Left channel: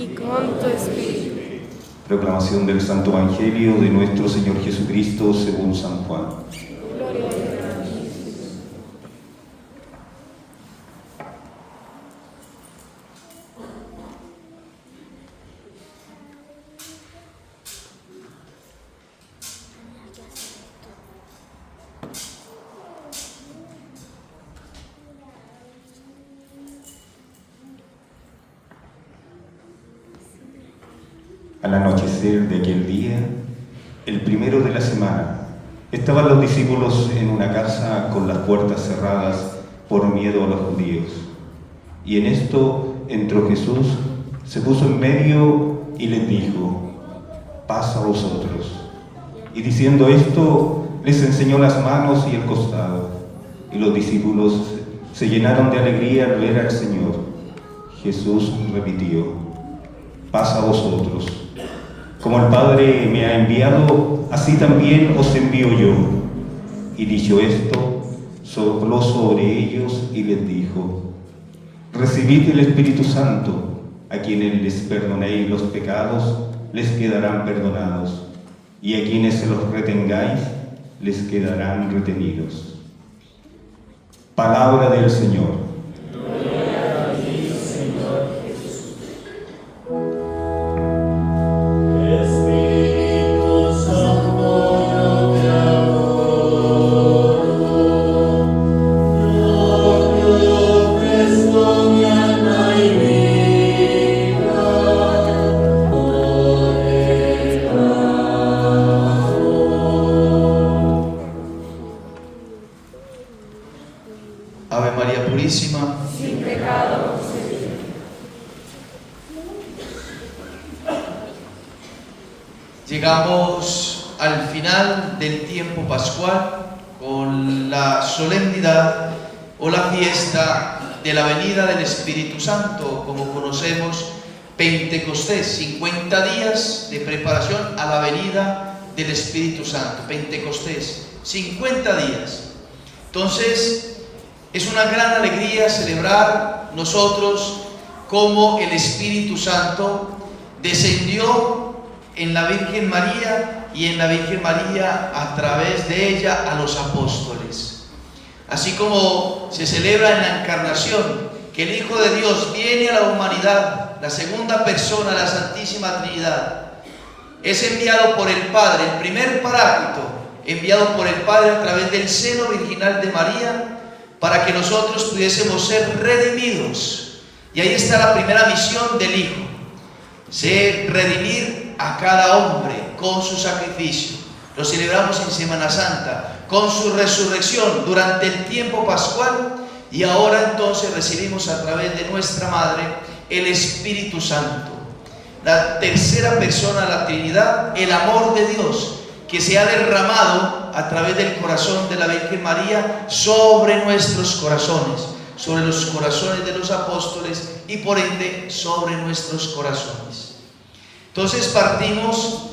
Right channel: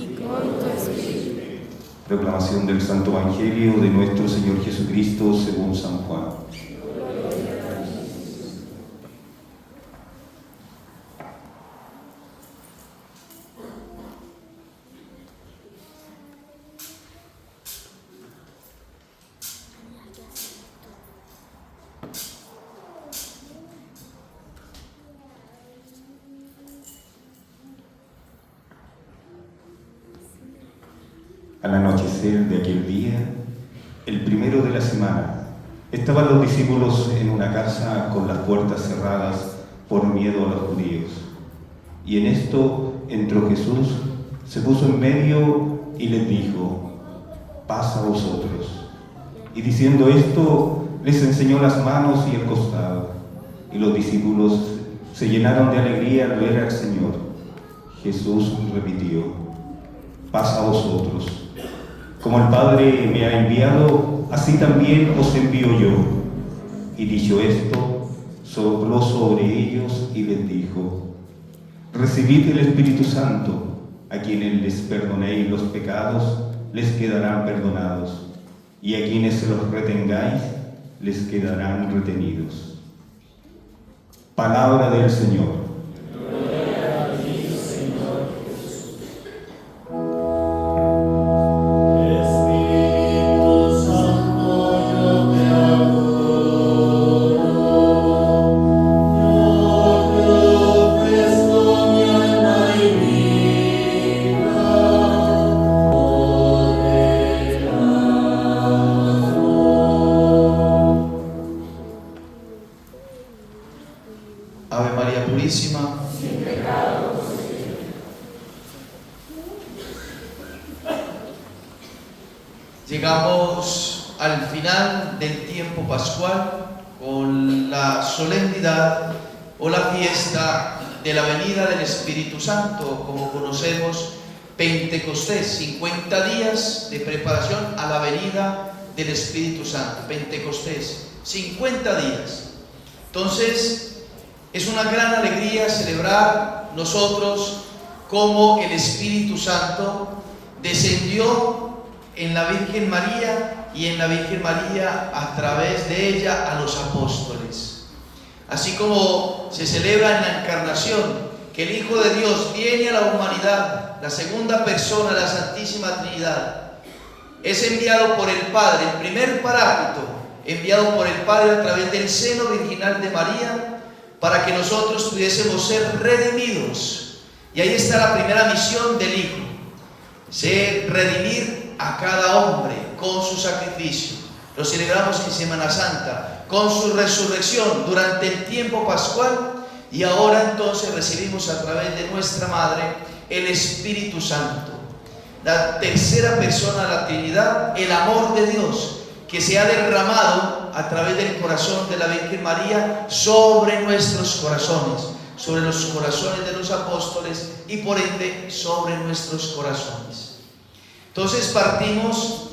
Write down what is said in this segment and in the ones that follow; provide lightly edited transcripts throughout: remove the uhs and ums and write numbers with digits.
y con tu espíritu. Proclamación del Santo Evangelio de nuestro Señor Jesucristo según San Juan. Al anochecer de aquel día, el primero de la semana, estaban los discípulos en una casa con las puertas cerradas por miedo a los judíos. Y en esto entró Jesús, se puso en medio y les dijo: paz a vosotros. Y diciendo esto, les enseñó las manos y el costado. Y los discípulos se llenaron de alegría al ver al Señor. Jesús repitió: paz a vosotros. Como el Padre me ha enviado, así también os envío yo. Y dicho esto, sopló sobre ellos y les dijo: recibid el Espíritu Santo. A quienes les perdonéis los pecados, les quedarán perdonados, y a quienes se los retengáis, les quedarán retenidos. Palabra del Señor. Ave María Purísima, Sin pecado concebida. llegamos al final del tiempo pascual con la solemnidad o la fiesta de la venida del Espíritu Santo, como conocemos, Pentecostés, 50 días de preparación a la venida del Espíritu Santo. Pentecostés, 50 días. Entonces, es una gran alegría celebrar nosotros cómo el Espíritu Santo descendió en la Virgen María y en la Virgen María a través de ella a los apóstoles. Así como se celebra en la Encarnación que el Hijo de Dios viene a la humanidad, la segunda persona de la Santísima Trinidad, es enviado por el Padre, el primer Paráclito, enviado por el Padre a través del seno virginal de María, para que nosotros pudiésemos ser redimidos. Y ahí está la primera misión del Hijo: redimir a cada hombre con su sacrificio. Lo celebramos en Semana Santa, con su resurrección durante el tiempo pascual, y ahora entonces recibimos a través de nuestra Madre el Espíritu Santo, la tercera persona de la Trinidad, el amor de Dios, que se ha derramado a través del corazón de la Virgen María sobre nuestros corazones, sobre los corazones de los apóstoles y por ende sobre nuestros corazones. Entonces partimos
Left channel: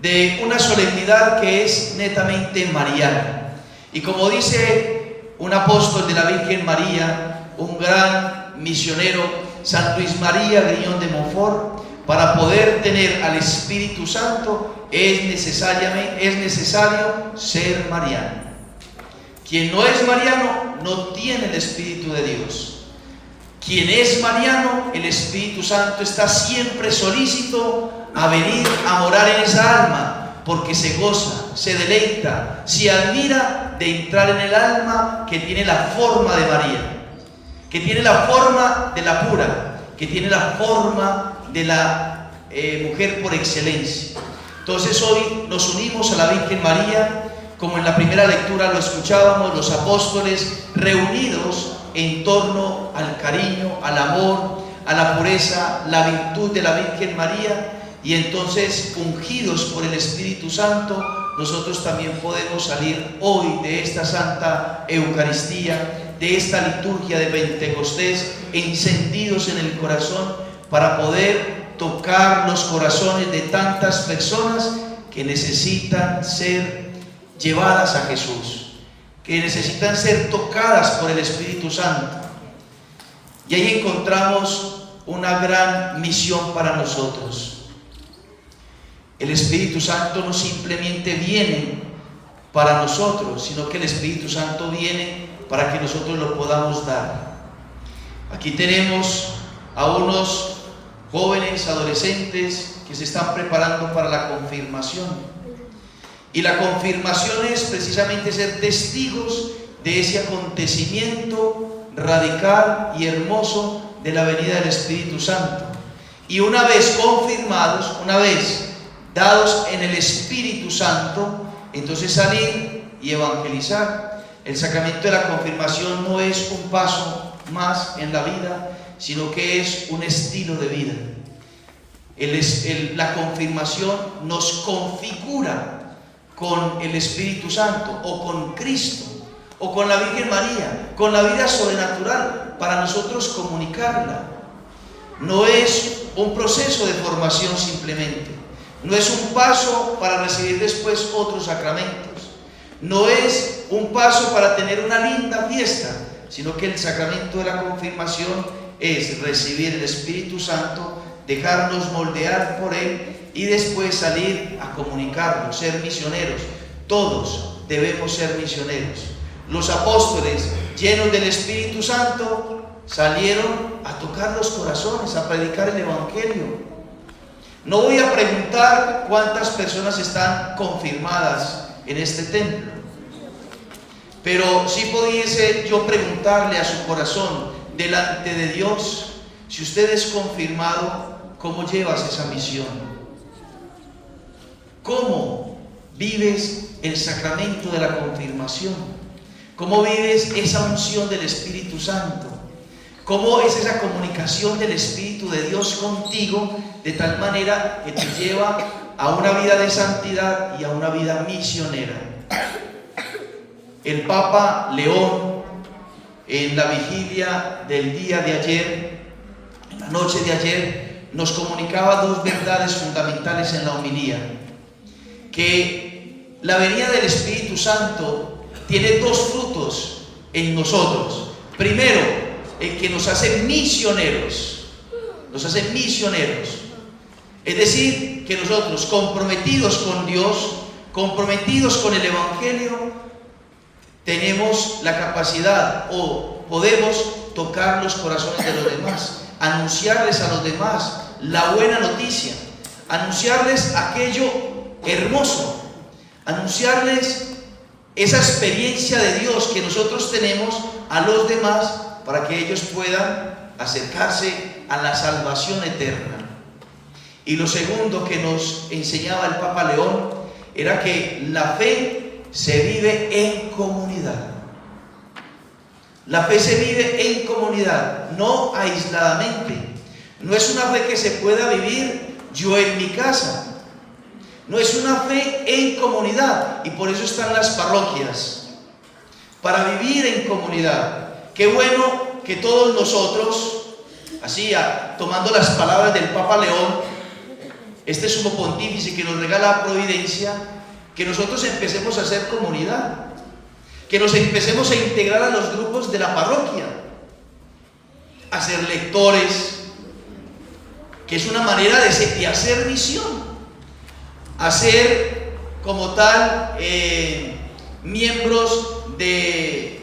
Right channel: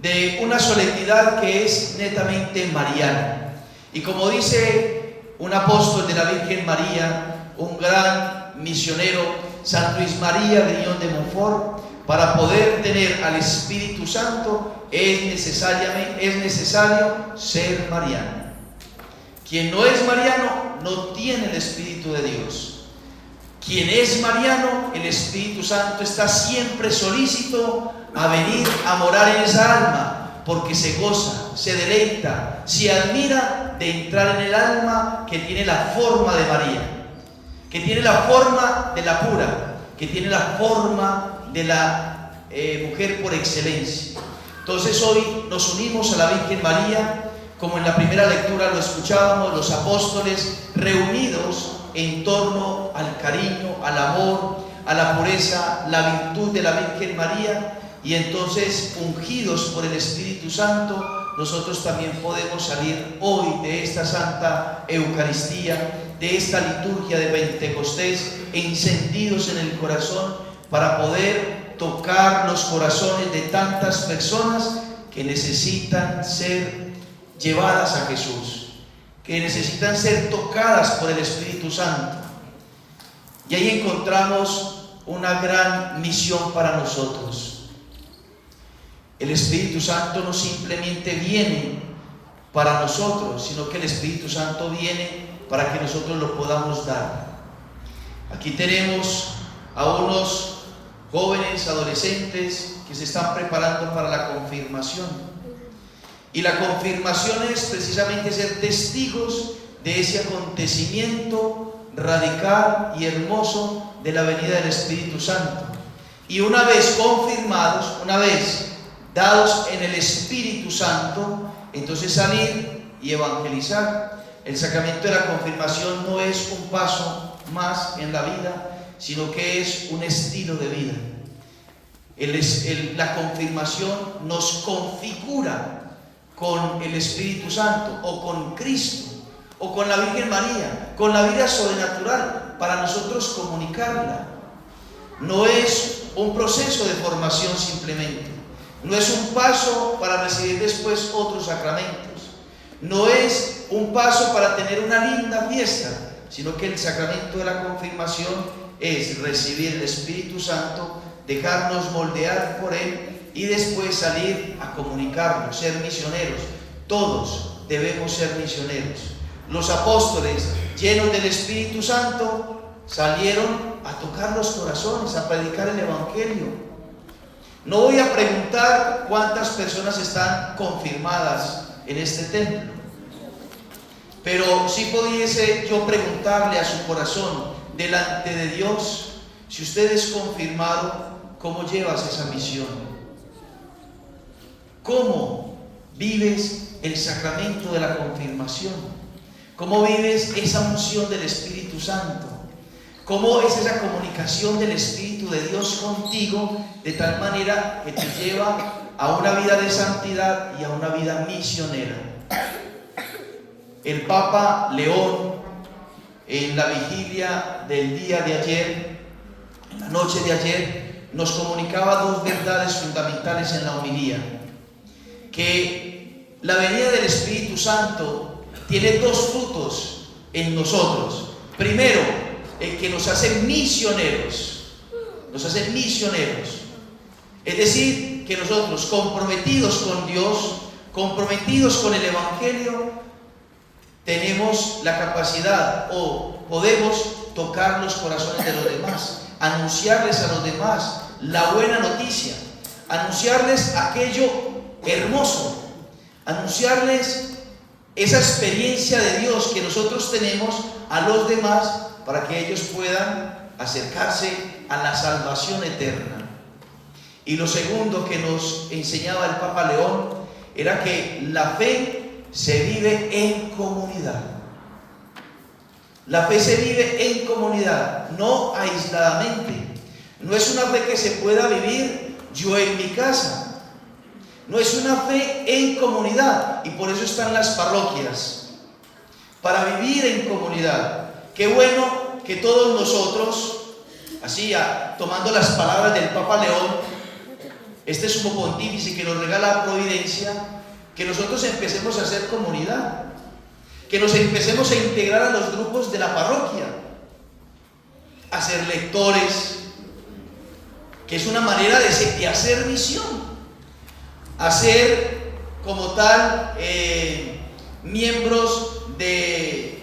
de una solemnidad que es netamente mariana. Y como dice un apóstol de la Virgen María, un gran misionero, San Luis María Grignon de Montfort, para poder tener al Espíritu Santo es necesario ser mariano. Quien no es mariano no tiene el Espíritu de Dios. Quien es mariano, el Espíritu Santo está siempre solícito a venir a morar en esa alma, porque se goza, se deleita, se admira de entrar en el alma que tiene la forma de María, que tiene la forma de la pura, que tiene la forma de la mujer por excelencia. Entonces hoy nos unimos a la Virgen María, como en la primera lectura lo escuchábamos, los apóstoles reunidos en torno al cariño, al amor, a la pureza, la virtud de la Virgen María, y entonces ungidos por el Espíritu Santo, nosotros también podemos salir hoy de esta Santa Eucaristía, de esta liturgia de Pentecostés, encendidos en el corazón para poder tocar los corazones de tantas personas que necesitan ser llevadas a Jesús, que necesitan ser tocadas por el Espíritu Santo. Y ahí encontramos una gran misión para nosotros. El Espíritu Santo no simplemente viene para nosotros, sino que el Espíritu Santo viene para que nosotros lo podamos dar. Aquí tenemos a unos jóvenes, adolescentes que se están preparando para la confirmación. Y la confirmación es precisamente ser testigos de ese acontecimiento radical y hermoso de la venida del Espíritu Santo. Y una vez confirmados, una vez dados en el Espíritu Santo, entonces salir y evangelizar. El sacramento de la confirmación no es un paso más en la vida, sino que es un estilo de vida. La confirmación nos configura con el Espíritu Santo, o con Cristo, o con la Virgen María, con la vida sobrenatural, para nosotros comunicarla. No es un proceso de formación simplemente, no es un paso para recibir después otros sacramentos, no es un paso para tener una linda fiesta, sino que el sacramento de la confirmación es recibir el Espíritu Santo, dejarnos moldear por Él y después salir a comunicarlo, ser misioneros. Todos debemos ser misioneros. Los apóstoles, llenos del Espíritu Santo, salieron a tocar los corazones, a predicar el Evangelio. No voy a preguntar cuántas personas están confirmadas en este templo, pero sí pudiese yo preguntarle a su corazón, delante de Dios, si usted es confirmado, ¿cómo llevas esa misión? ¿Cómo vives el sacramento de la confirmación? ¿Cómo vives esa unción del Espíritu Santo? ¿Cómo es esa comunicación del Espíritu de Dios contigo de tal manera que te lleva a una vida de santidad y a una vida misionera? El Papa León, en la vigilia del día de ayer, en la noche de ayer, nos comunicaba dos verdades fundamentales en la homilía: que la venida del Espíritu Santo tiene dos frutos en nosotros. Primero, el que nos hace misioneros, es decir, que nosotros, comprometidos con Dios, comprometidos con el Evangelio, tenemos la capacidad o podemos tocar los corazones de los demás, anunciarles a los demás la buena noticia, anunciarles aquello hermoso, anunciarles esa experiencia de Dios que nosotros tenemos a los demás, para que ellos puedan acercarse a la salvación eterna. Y lo segundo que nos enseñaba el Papa León era que la fe se vive en comunidad. La fe se vive en comunidad, no aisladamente. No es una fe que se pueda vivir yo en mi casa. No es una fe en comunidad, y por eso están las parroquias, para vivir en comunidad. Qué bueno que todos nosotros, así tomando las palabras del Papa León, este sumo pontífice que nos regala la providencia, que nosotros empecemos a hacer comunidad, que nos empecemos a integrar a los grupos de la parroquia, a ser lectores, que es una manera de hacer misión, a ser como tal miembros de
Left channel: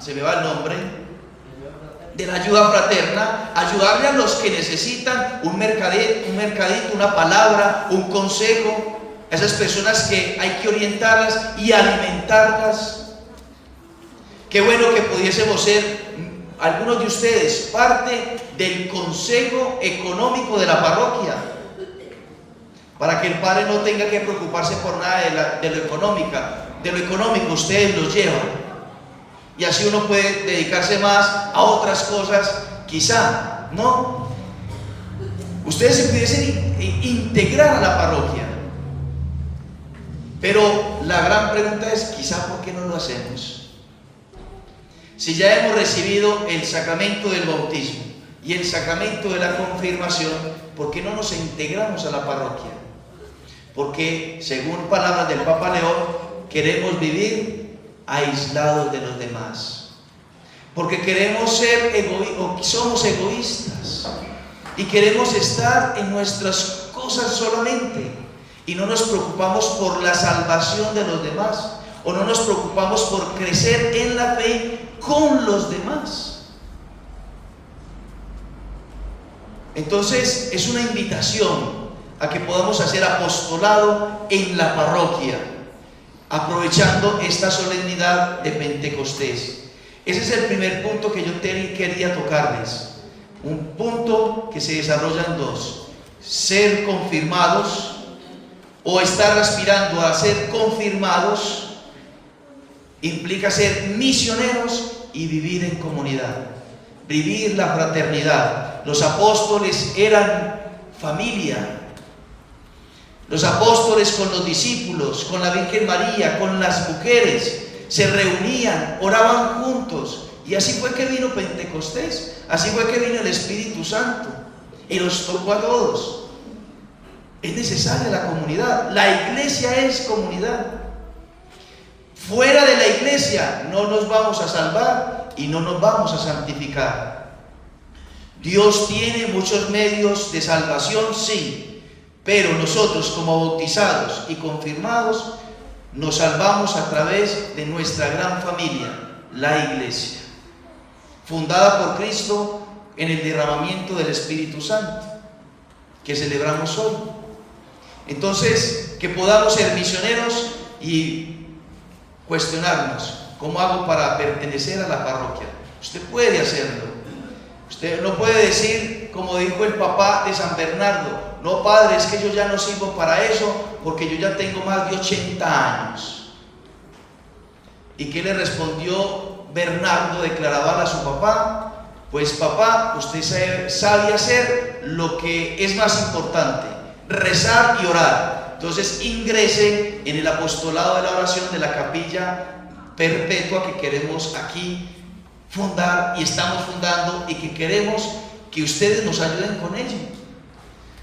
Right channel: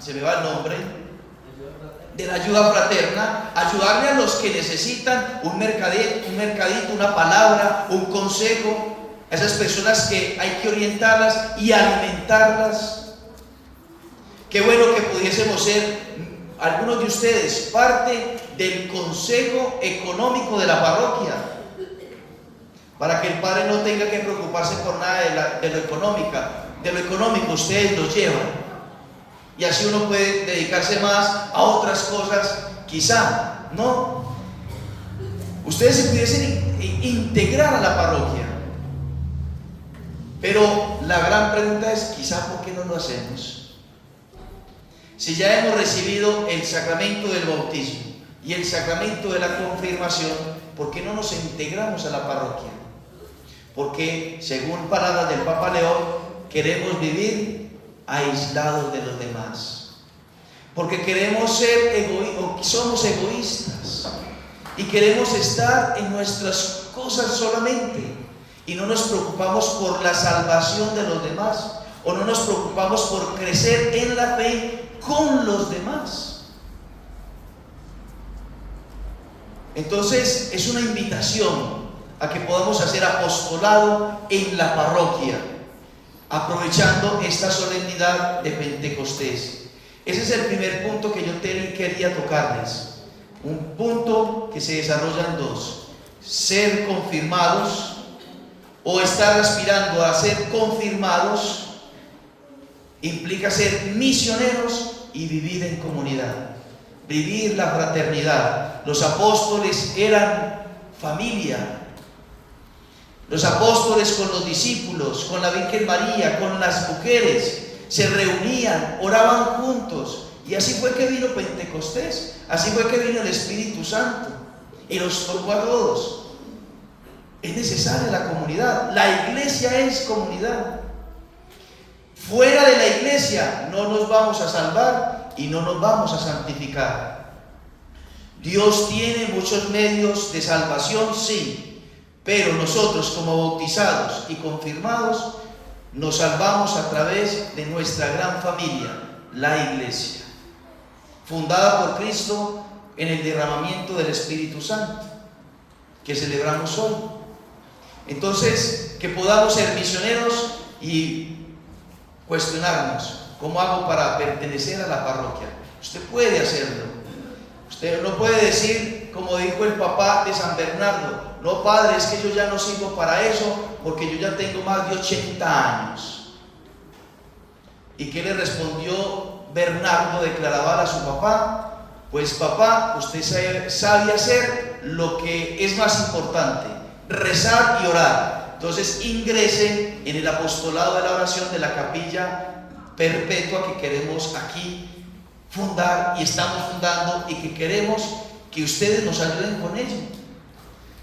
se me va el nombre, de la ayuda fraterna, ayudarle a los que necesitan un mercadito, una palabra, un consejo, a esas personas que hay que orientarlas y alimentarlas. Qué bueno que pudiésemos ser, algunos de ustedes, parte del consejo económico de la parroquia, para que el padre no tenga que preocuparse por nada de lo económico ustedes los llevan. Y así uno puede dedicarse más a otras cosas, quizá, ¿no? Ustedes se pudiesen integrar a la parroquia. Pero la gran pregunta es, quizá, ¿por qué no lo hacemos? Si ya hemos recibido el sacramento del bautismo y el sacramento de la confirmación, ¿por qué no nos integramos a la parroquia? Porque, según palabras del Papa León, queremos vivir aislados de los demás. porque queremos ser somos egoístas y queremos estar en nuestras cosas solamente y no nos preocupamos por la salvación de los demás, o no nos preocupamos por crecer en la fe con los demás. Entonces es una invitación a que podamos hacer apostolado en la parroquia, aprovechando esta solemnidad de Pentecostés. Ese es el primer punto que yo quería tocarles. Un punto que se desarrolla en dos: ser confirmados, o estar aspirando a ser confirmados, implica ser misioneros y vivir en comunidad, vivir la fraternidad. Los apóstoles eran familia. Los apóstoles con los discípulos, con la Virgen María, con las mujeres, se reunían, oraban juntos. Y así fue que vino Pentecostés, así fue que vino el Espíritu Santo y los tocó a todos. Es necesaria la comunidad. La iglesia es comunidad. Fuera de la iglesia no nos vamos a salvar y no nos vamos a santificar. Dios tiene muchos medios de salvación, sí, pero nosotros como bautizados y confirmados nos salvamos a través de nuestra gran familia, la iglesia, fundada por Cristo en el derramamiento del Espíritu Santo, que celebramos hoy. Entonces, que podamos ser misioneros y cuestionarnos: ¿cómo hago para pertenecer a la parroquia? Usted puede hacerlo. Usted no puede decir, como dijo el papá de San Bernardo: no, padre, es que yo ya no sirvo para eso porque yo ya tengo más de 80 años. ¿Y qué le respondió Bernardo declarador a su papá? Pues papá, usted sabe hacer lo que es más importante: rezar y orar. Entonces ingrese en el apostolado de la oración de la capilla perpetua que queremos aquí fundar y estamos fundando, y que queremos que ustedes nos ayuden con ello,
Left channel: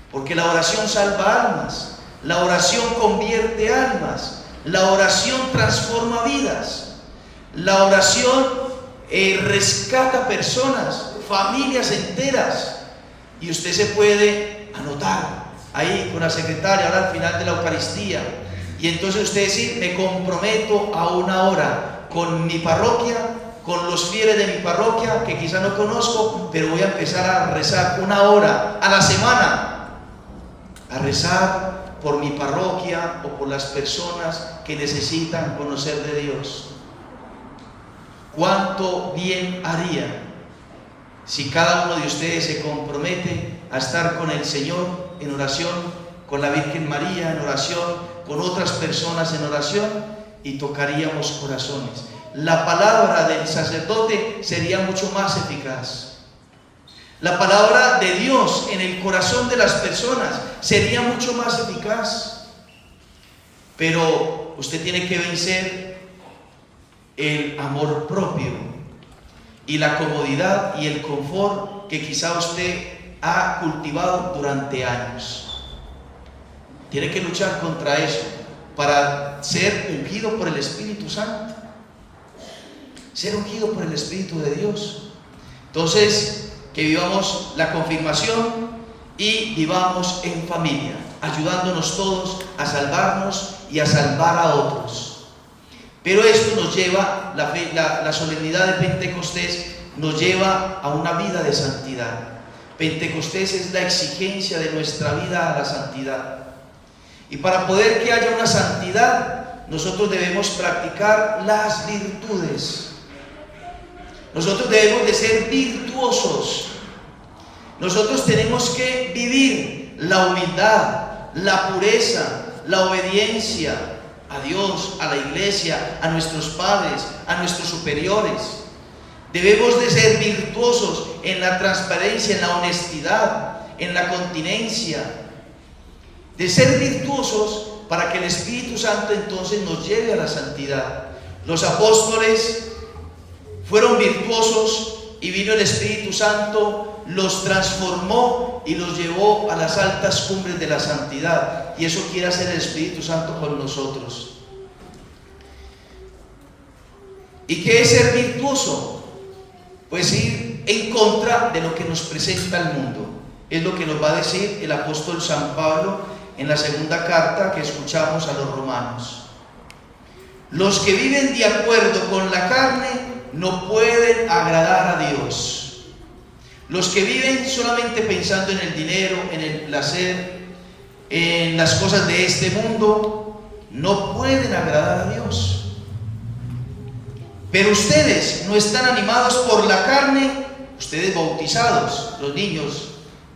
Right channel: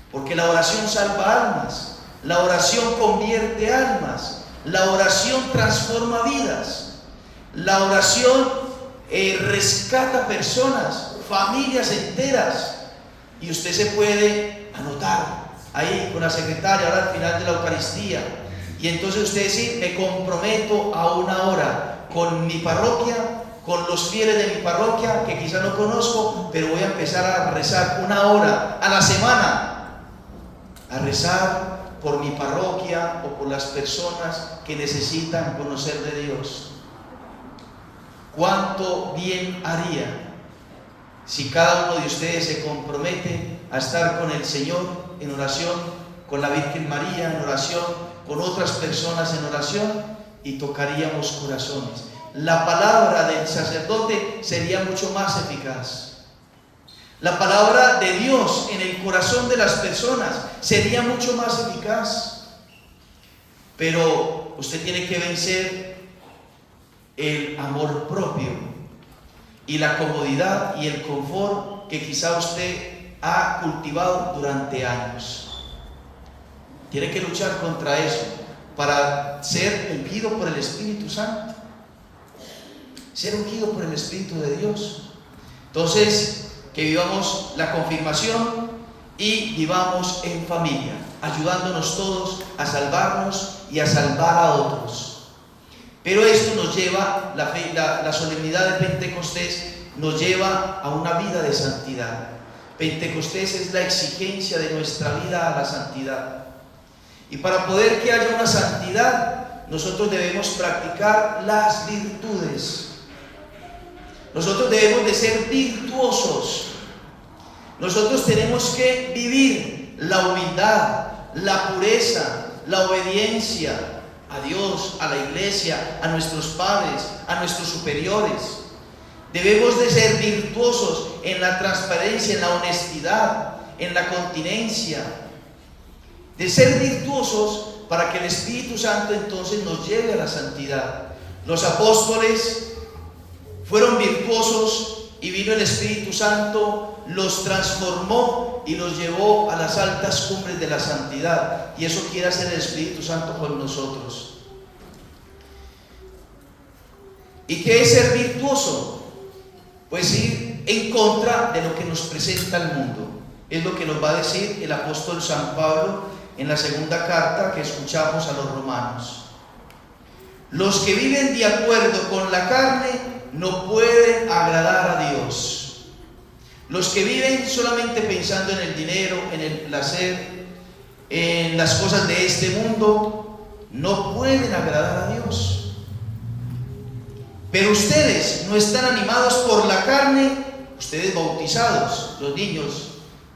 porque la oración salva almas, la oración convierte almas, la oración transforma vidas, la oración rescata personas, familias enteras. Y usted se puede anotar ahí con la secretaria ahora al final de la Eucaristía, y entonces usted dice: me comprometo a una hora con mi parroquia, con los fieles de mi parroquia que quizá no conozco, pero voy a empezar a rezar una hora a la semana, a rezar por mi parroquia o por las personas que necesitan conocer de Dios. ¿Cuánto bien haría si cada uno de ustedes se compromete a estar con el Señor en oración, con la Virgen María en oración, con otras personas en oración, y tocaríamos corazones? La palabra del sacerdote sería mucho más eficaz. La palabra de Dios en el corazón de las personas sería mucho más eficaz. Pero usted tiene que vencer el amor propio y la comodidad y el confort que quizá usted ha cultivado durante años. Tiene que luchar contra eso para ser ungido por el Espíritu Santo, ser ungido por el Espíritu de Dios. Entonces, que vivamos la confirmación y vivamos en familia, ayudándonos todos a salvarnos y a salvar a otros. Pero esto nos lleva, la solemnidad de Pentecostés nos lleva a una vida de santidad. Pentecostés es la exigencia de nuestra vida a la santidad. Y para poder que haya una santidad, nosotros debemos practicar las virtudes. Nosotros debemos de ser virtuosos. Nosotros tenemos que vivir la humildad, la pureza, la obediencia a Dios, a la iglesia, a nuestros padres, a nuestros superiores. Debemos de ser virtuosos en la transparencia, en la honestidad, en la continencia. De ser virtuosos para que el Espíritu Santo entonces nos lleve a la santidad. Los apóstoles fueron virtuosos y vino el Espíritu Santo, los transformó y los llevó a las altas cumbres de la santidad. Y eso quiere hacer el Espíritu Santo con nosotros. ¿Y qué es ser virtuoso? pues ir en contra de lo que nos presenta el mundo. Es lo que nos va a decir el apóstol San Pablo en la segunda carta que escuchamos a los romanos. Los que viven de acuerdo con la carne no pueden agradar a Dios. Los que viven solamente pensando en el dinero, en el placer, en las cosas de este mundo, no pueden agradar a Dios. Pero ustedes no están animados por la carne, ustedes bautizados, los niños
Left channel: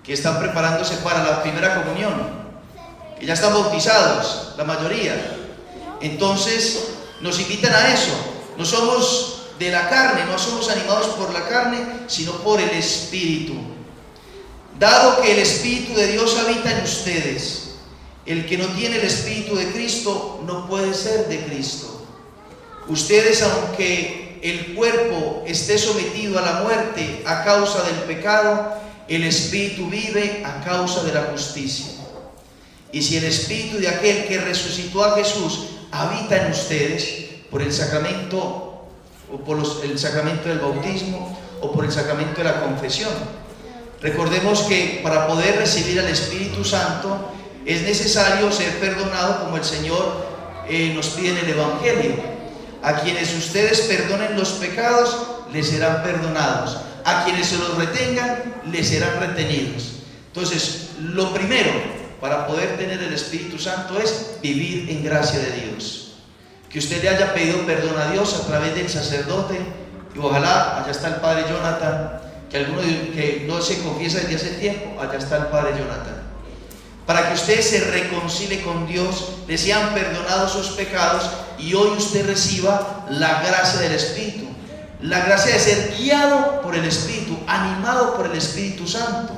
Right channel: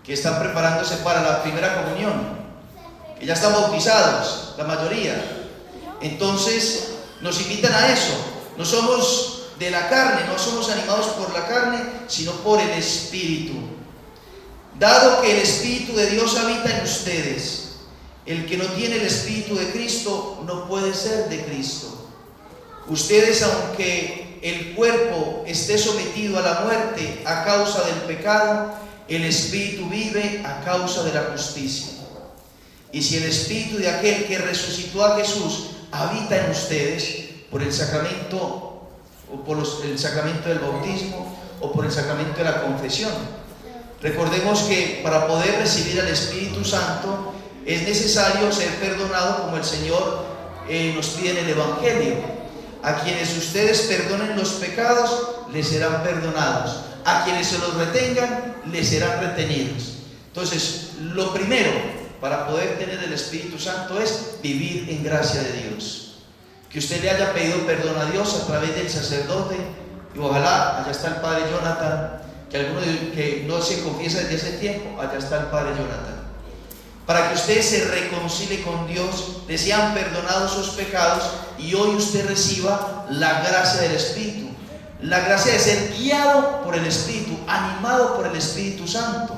que están preparándose para la primera comunión, que ya están bautizados, la mayoría. Entonces nos invitan a eso. No somos de la carne, no somos animados por la carne, sino por el Espíritu. Dado que el Espíritu de Dios habita en ustedes, el que no tiene el Espíritu de Cristo no puede ser de Cristo. Ustedes, aunque el cuerpo esté sometido a la muerte a causa del pecado, el Espíritu vive a causa de la justicia. Y si el Espíritu de aquel que resucitó a Jesús habita en ustedes por el sacramento o por el sacramento del bautismo o por el sacramento de la confesión. Recordemos que para poder recibir al Espíritu Santo es necesario ser perdonado como el Señor nos pide en el Evangelio. A quienes ustedes perdonen los pecados, les serán perdonados. A quienes se los retengan, les serán retenidos. Entonces, lo primero para poder tener el Espíritu Santo es vivir en gracia de Dios. Que usted le haya pedido perdón a Dios a través del sacerdote, y ojalá, allá está el Padre Jonathan, que alguno que no se confiesa desde hace tiempo, allá está el Padre Jonathan. Para que usted se reconcilie con Dios, le sean perdonados sus pecados y hoy usted reciba la gracia del Espíritu. La gracia de ser guiado por el Espíritu, animado por el Espíritu Santo.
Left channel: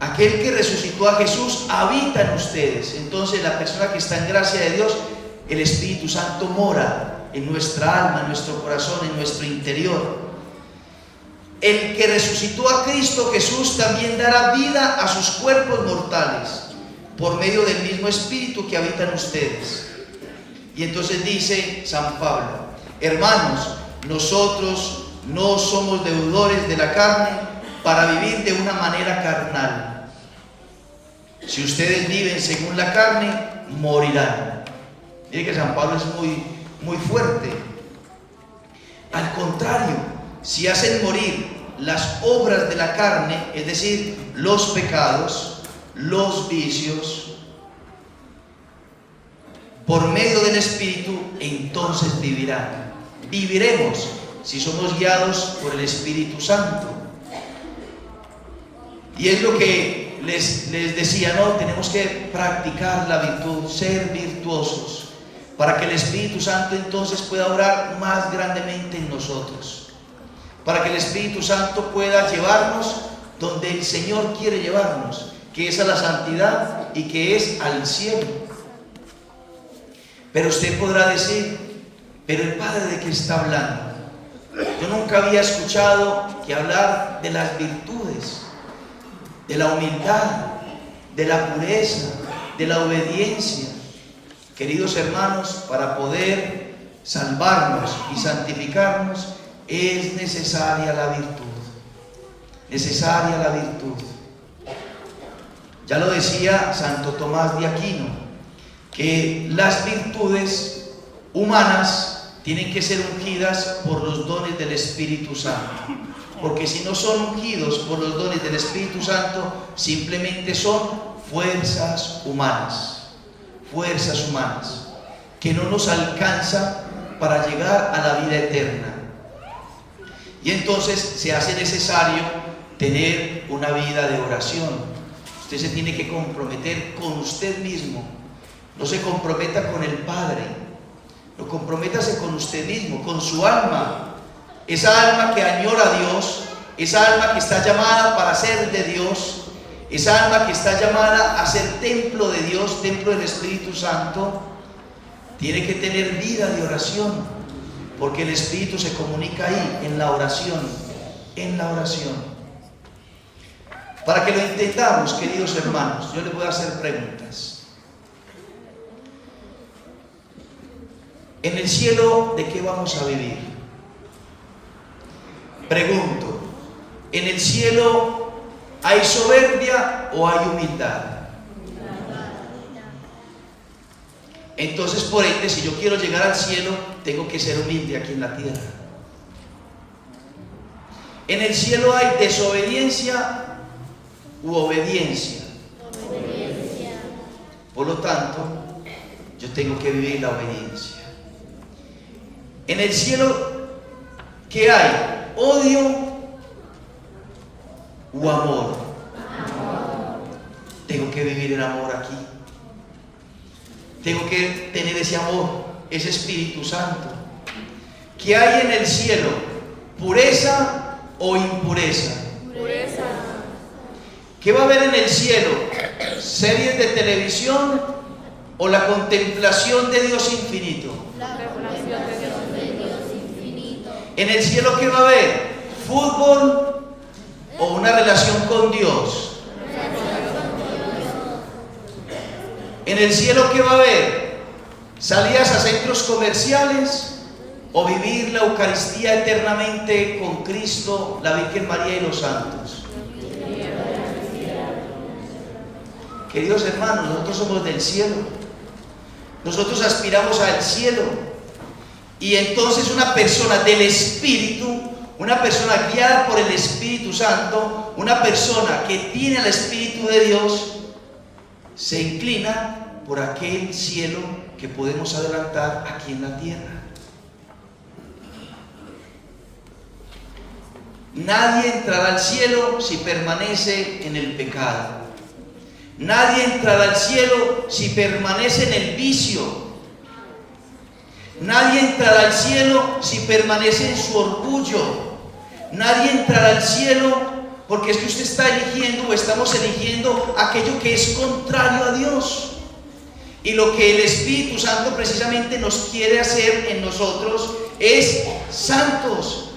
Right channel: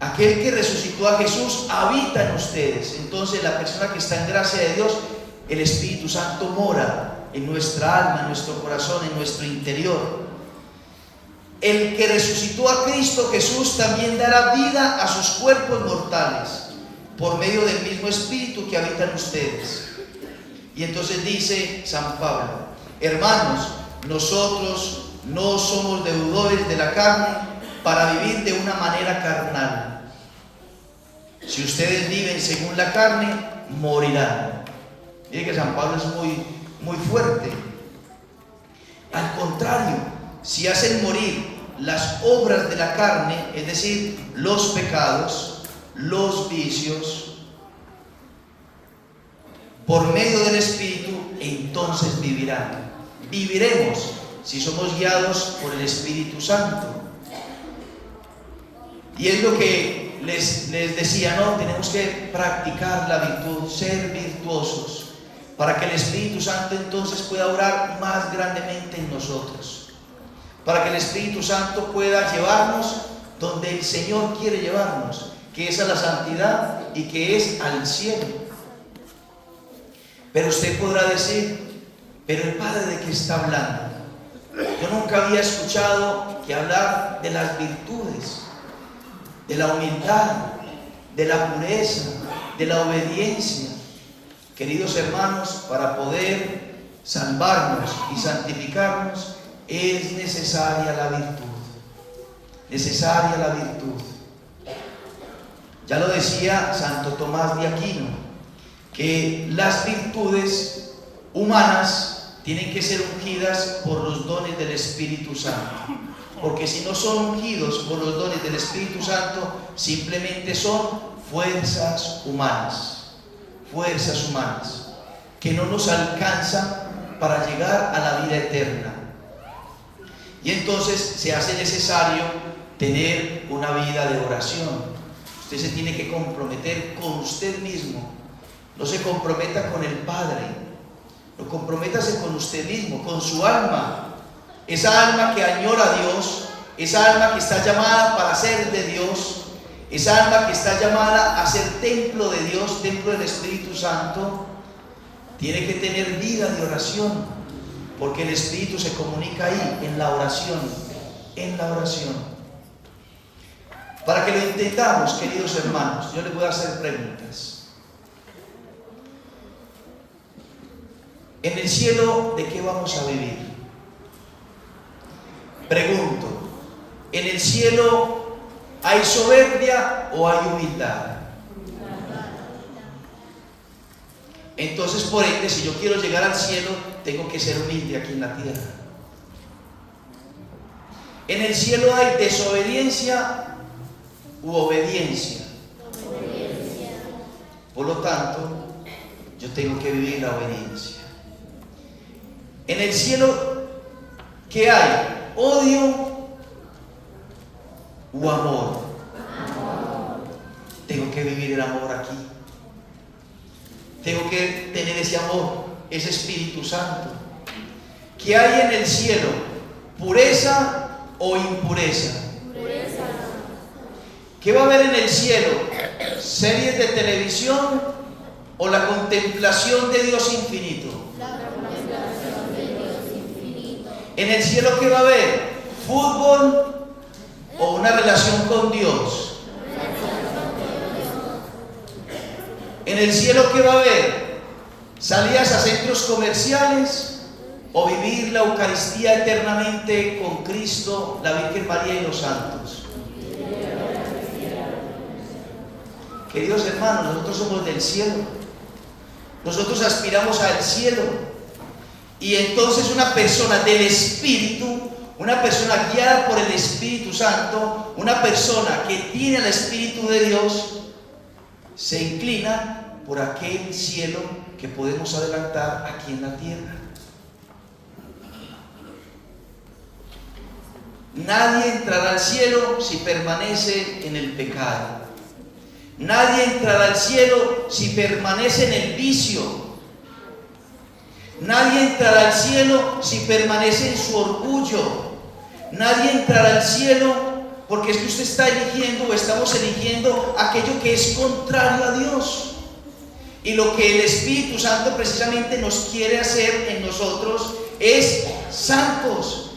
Aquel que resucitó a Jesús habita en ustedes. Entonces la persona que está en gracia de Dios, el Espíritu Santo mora en nuestra alma, en nuestro corazón, en nuestro interior. El que resucitó a Cristo Jesús también dará vida a sus cuerpos mortales por medio del mismo Espíritu que habita en ustedes. Y entonces dice San Pablo: hermanos, nosotros no somos deudores de la carne para vivir de una manera carnal. Si ustedes viven según la carne, morirán. Mire que San Pablo es muy fuerte. Al contrario, si hacen morir las obras de la carne, es decir, los pecados, los vicios, por medio del Espíritu, entonces vivirán. Viviremos si somos guiados por el Espíritu Santo. Y es lo que les decía, no, tenemos que practicar la virtud, ser virtuosos, para que el Espíritu Santo entonces pueda obrar más grandemente en nosotros, para que el Espíritu Santo pueda llevarnos donde el Señor quiere llevarnos, que es a la santidad y que es al cielo. Pero usted podrá decir: pero el Padre, ¿de qué está hablando? Yo nunca había escuchado que hablar de las virtudes, de la humildad, de la pureza, de la obediencia. Queridos hermanos, para poder salvarnos y santificarnos es necesaria la virtud. Necesaria la virtud. Ya lo decía Santo Tomás de Aquino, que las virtudes humanas tienen que ser ungidas por los dones del Espíritu Santo. Porque si no son ungidos por los dones del Espíritu Santo, simplemente son fuerzas humanas que no nos alcanzan para llegar a la vida eterna. Y entonces se hace necesario tener una vida de oración. Usted se tiene que comprometer con usted mismo. No se comprometa con el Padre, no, comprométase con usted mismo, con su alma. Esa alma que añora a Dios, esa alma que está llamada para ser de Dios, esa alma que está llamada a ser templo de Dios, templo del Espíritu Santo, tiene que tener vida de oración, porque el Espíritu se comunica ahí, en la oración, Para que lo entendamos, queridos hermanos, yo les voy a hacer preguntas. En el cielo, ¿de qué vamos a vivir? Pregunto, ¿en el cielo hay soberbia o hay humildad? Entonces, por ende, si yo quiero llegar al cielo, tengo que ser humilde aquí en la tierra. En el cielo hay desobediencia u obediencia. Por lo tanto, yo tengo que vivir la obediencia. En el cielo, ¿qué hay? ¿Odio u amor? Tengo que vivir el amor aquí. Tengo que tener ese amor, ese Espíritu Santo. ¿Qué hay en el cielo? ¿Pureza o impureza? Pureza. ¿Qué va a haber en el cielo? ¿Series de televisión o la contemplación de Dios infinito? En el cielo, ¿qué va a haber? ¿Fútbol o una relación con Dios? En el cielo, ¿qué va a haber? ¿Salidas a centros comerciales o vivir la Eucaristía eternamente con Cristo, la Virgen María y los santos? Queridos hermanos, nosotros somos del cielo. Nosotros aspiramos al cielo. Y entonces una persona del Espíritu, una persona guiada por el Espíritu Santo, una persona que tiene al Espíritu de Dios, se inclina por aquel cielo que podemos adelantar aquí en la tierra. Nadie entrará al cielo si permanece en el pecado. Nadie entrará al cielo si permanece en el vicio. Nadie entrará al cielo si permanece en su orgullo. Nadie entrará al cielo porque es que usted está eligiendo o estamos eligiendo aquello que es contrario a Dios. Y lo que el Espíritu Santo precisamente nos quiere hacer en nosotros es santos.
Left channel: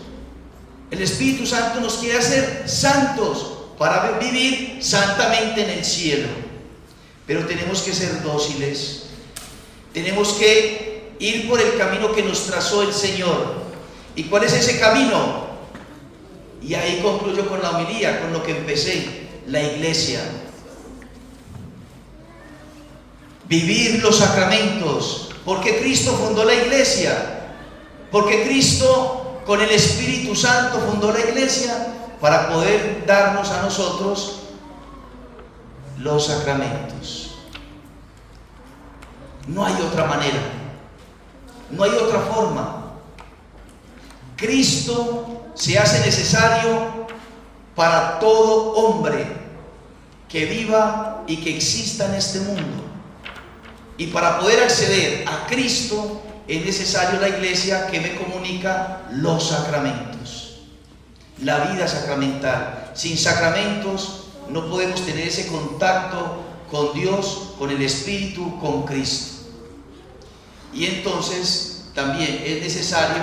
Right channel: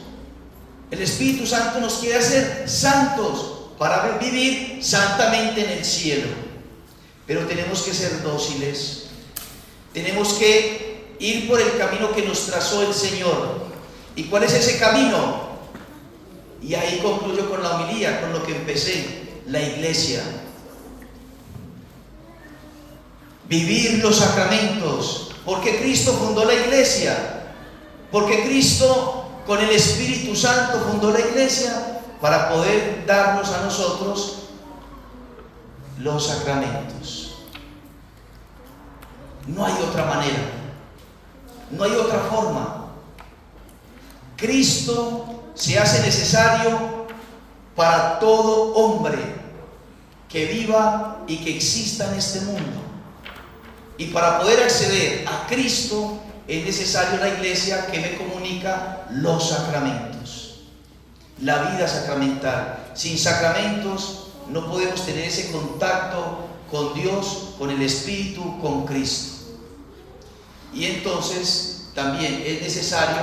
El Espíritu Santo nos quiere hacer santos para vivir santamente en el cielo. Pero tenemos que ser dóciles. Tenemos que ir por el camino que nos trazó el Señor. ¿Y cuál es ese camino? Y ahí concluyo con la homilía, con lo que empecé, la iglesia. Vivir los sacramentos, porque Cristo fundó la iglesia, porque Cristo con el Espíritu Santo fundó la iglesia para poder darnos a nosotros los sacramentos. No hay otra manera, no hay otra forma. Cristo se hace necesario para todo hombre que viva y que exista en este mundo. Y para poder acceder a Cristo es necesario la iglesia que me comunica los sacramentos, la vida sacramental. Sin sacramentos no podemos tener ese contacto con Dios, con el Espíritu, con Cristo. Y entonces también es necesario,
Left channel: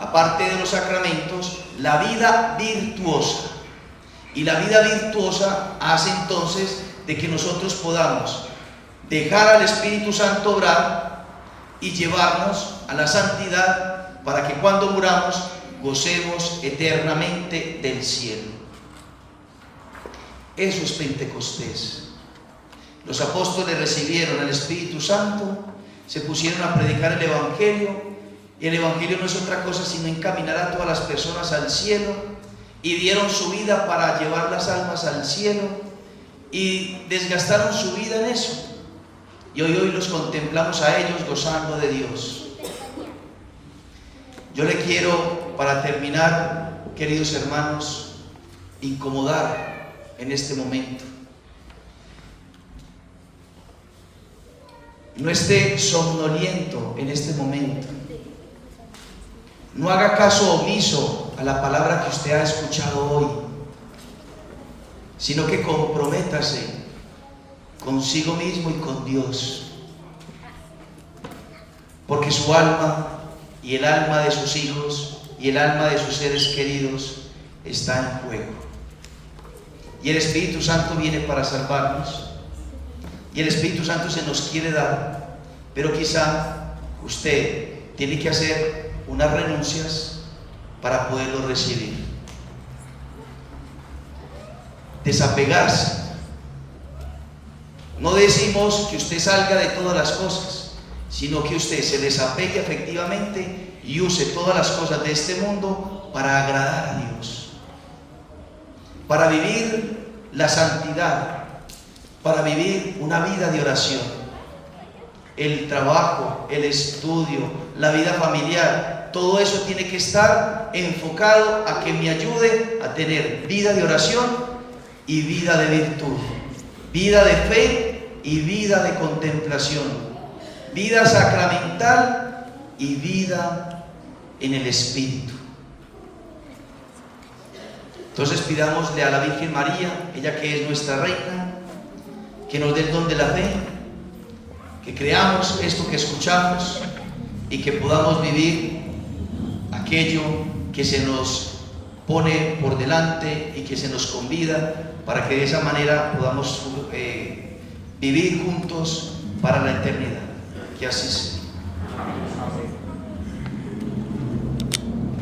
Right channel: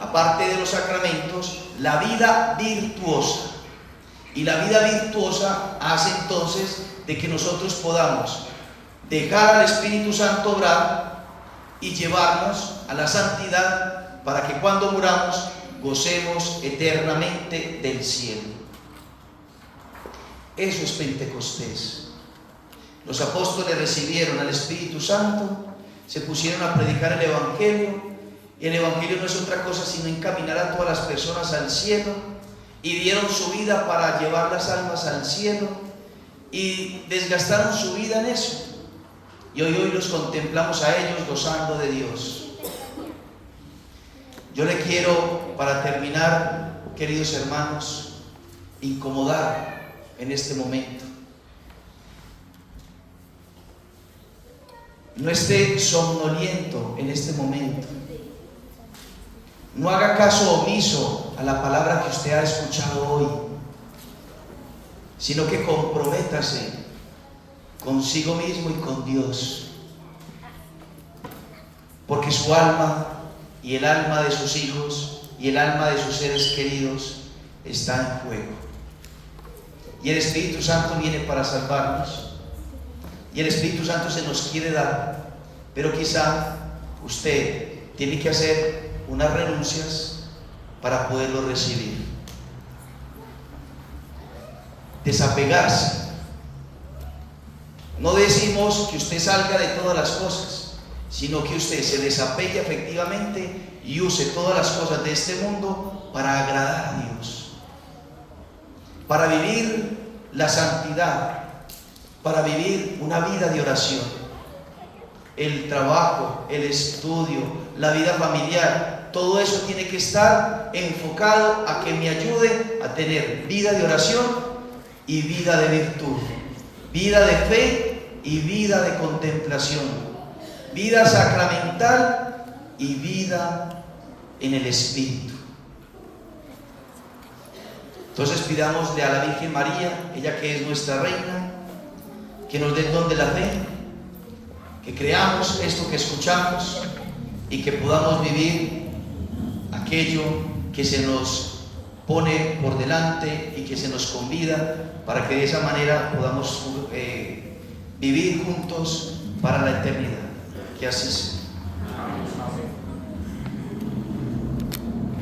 aparte de los sacramentos, la vida virtuosa. Y la vida virtuosa hace entonces de que nosotros podamos dejar al Espíritu Santo obrar y llevarnos a la santidad para que cuando muramos gocemos eternamente del cielo. Eso es Pentecostés. Los apóstoles recibieron al Espíritu Santo, se pusieron a predicar el Evangelio, y el Evangelio no es otra cosa sino encaminar a todas las personas al cielo, y dieron su vida para llevar las almas al cielo, y desgastaron su vida en eso. Y hoy los contemplamos a ellos gozando de Dios. Yo le quiero, para terminar, queridos hermanos, incomodar en este momento. No esté somnoliento en este momento. No haga caso omiso a la palabra que usted ha escuchado hoy, sino que comprométase consigo mismo y con Dios, porque su alma y el alma de sus hijos y el alma de sus seres queridos está en juego. Y el Espíritu Santo viene para salvarnos, y el Espíritu Santo se nos quiere dar, pero quizá usted tiene que hacer unas renuncias para poderlo recibir. desapegarse. No decimos que usted salga de todas las cosas, sino que usted se desapegue efectivamente y use todas las cosas de este mundo para agradar a Dios, para vivir la santidad, para vivir una vida de oración. El trabajo, el estudio, la vida familiar, todo eso tiene que estar enfocado a que me ayude a tener vida de oración y vida de virtud, vida de fe y vida de contemplación, vida sacramental y vida en el Espíritu. Entonces pidámosle a la Virgen María, ella que es nuestra reina, que nos dé el don de la fe, que creamos esto que escuchamos y que podamos vivir aquello que se nos pone por delante y que se nos convida, para que de esa manera podamos vivir juntos para la eternidad. Que así sea.